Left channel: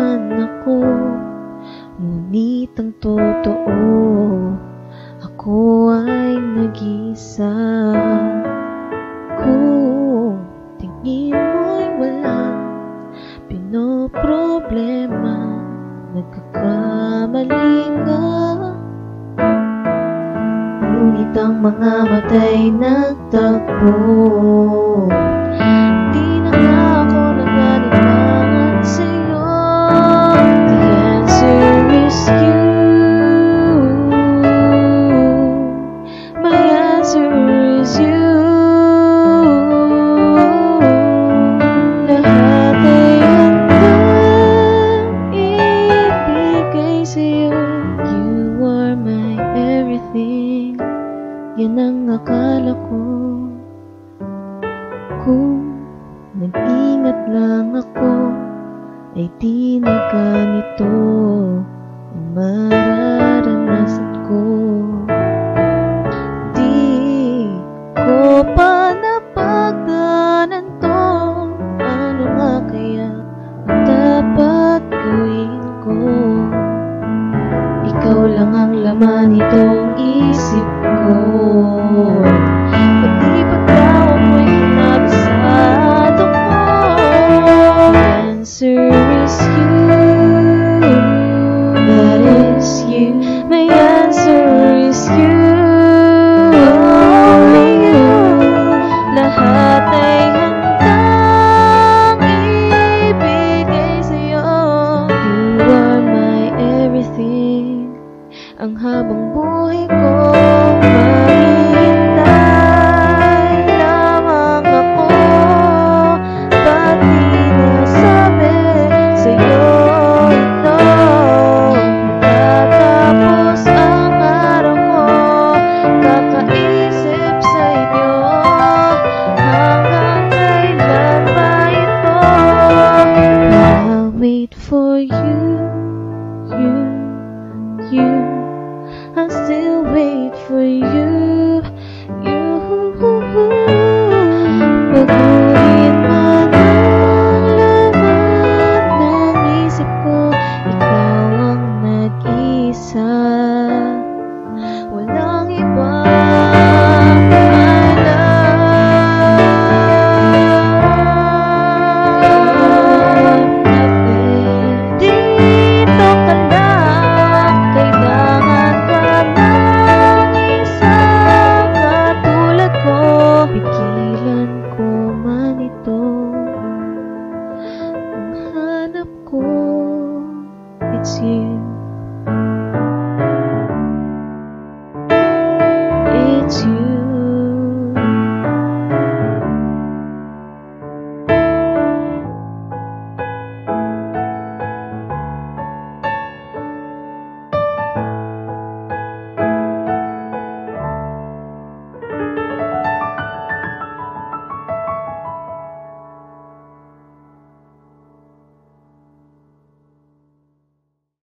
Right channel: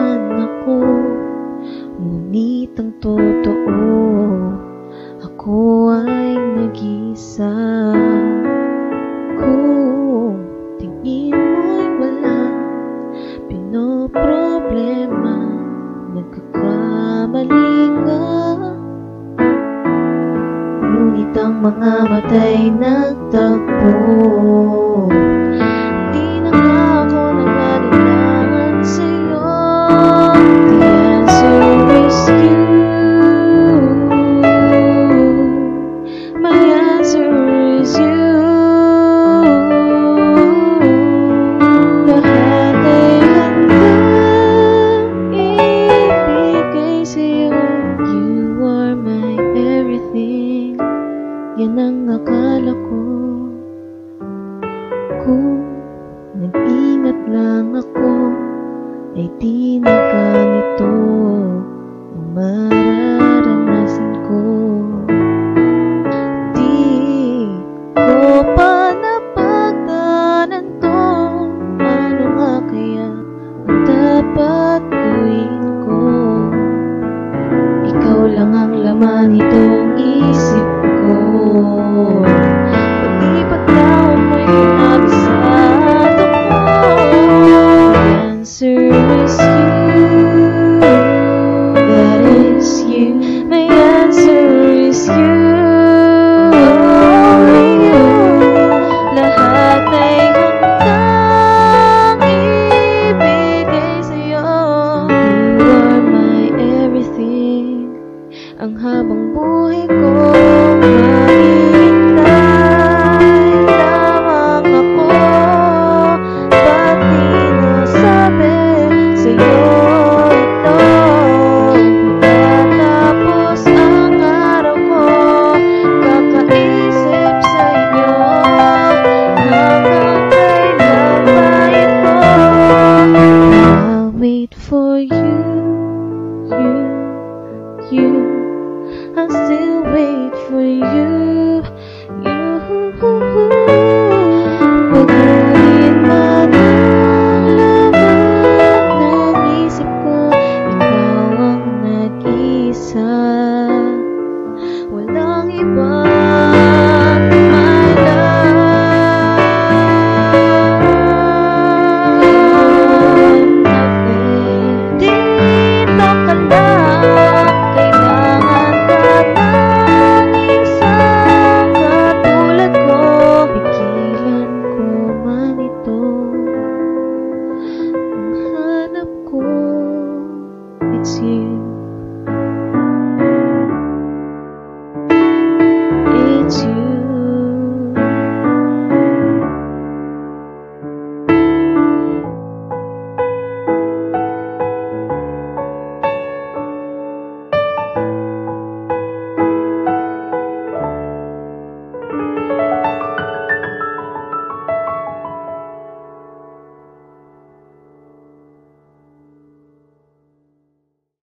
man ako, ngunit ang totoo, ako ay nag-isa. Kung tingin mo'y walang pinoproblema, nagkakamali ka. Ngunit ang mga mata'y nagtagpo. Di na nga ako nag-alinlangan sa'yo. The answer is you. My answer is you. Lahat ay handang ibigay sa'yo. You are my everything. Yan ang akala ko. Kung nag-ingat lang ako, ay di na ganito ang mararanasan ko. Di ko pa napagdaanan to. Ano nga kaya ang dapat gawin ko? Ikaw lang ang laman nitong isip ko. Pati pagtawa mo'y kinabisado ko. The answer is you. That is you. My answer is you. Only you. Lahat ay handang ibigay sa'yo. You are my everything. Ang habang buhay ko, maghihintay lamang ako. Ba't di nasabi sa'yo ito? Matatapos ang araw ko, kakaisip sa inyo. Hanggang kailan ba ito? I'll wait for you, you. I'll still wait for you, you. Baguhin man ang laman ng isip ko.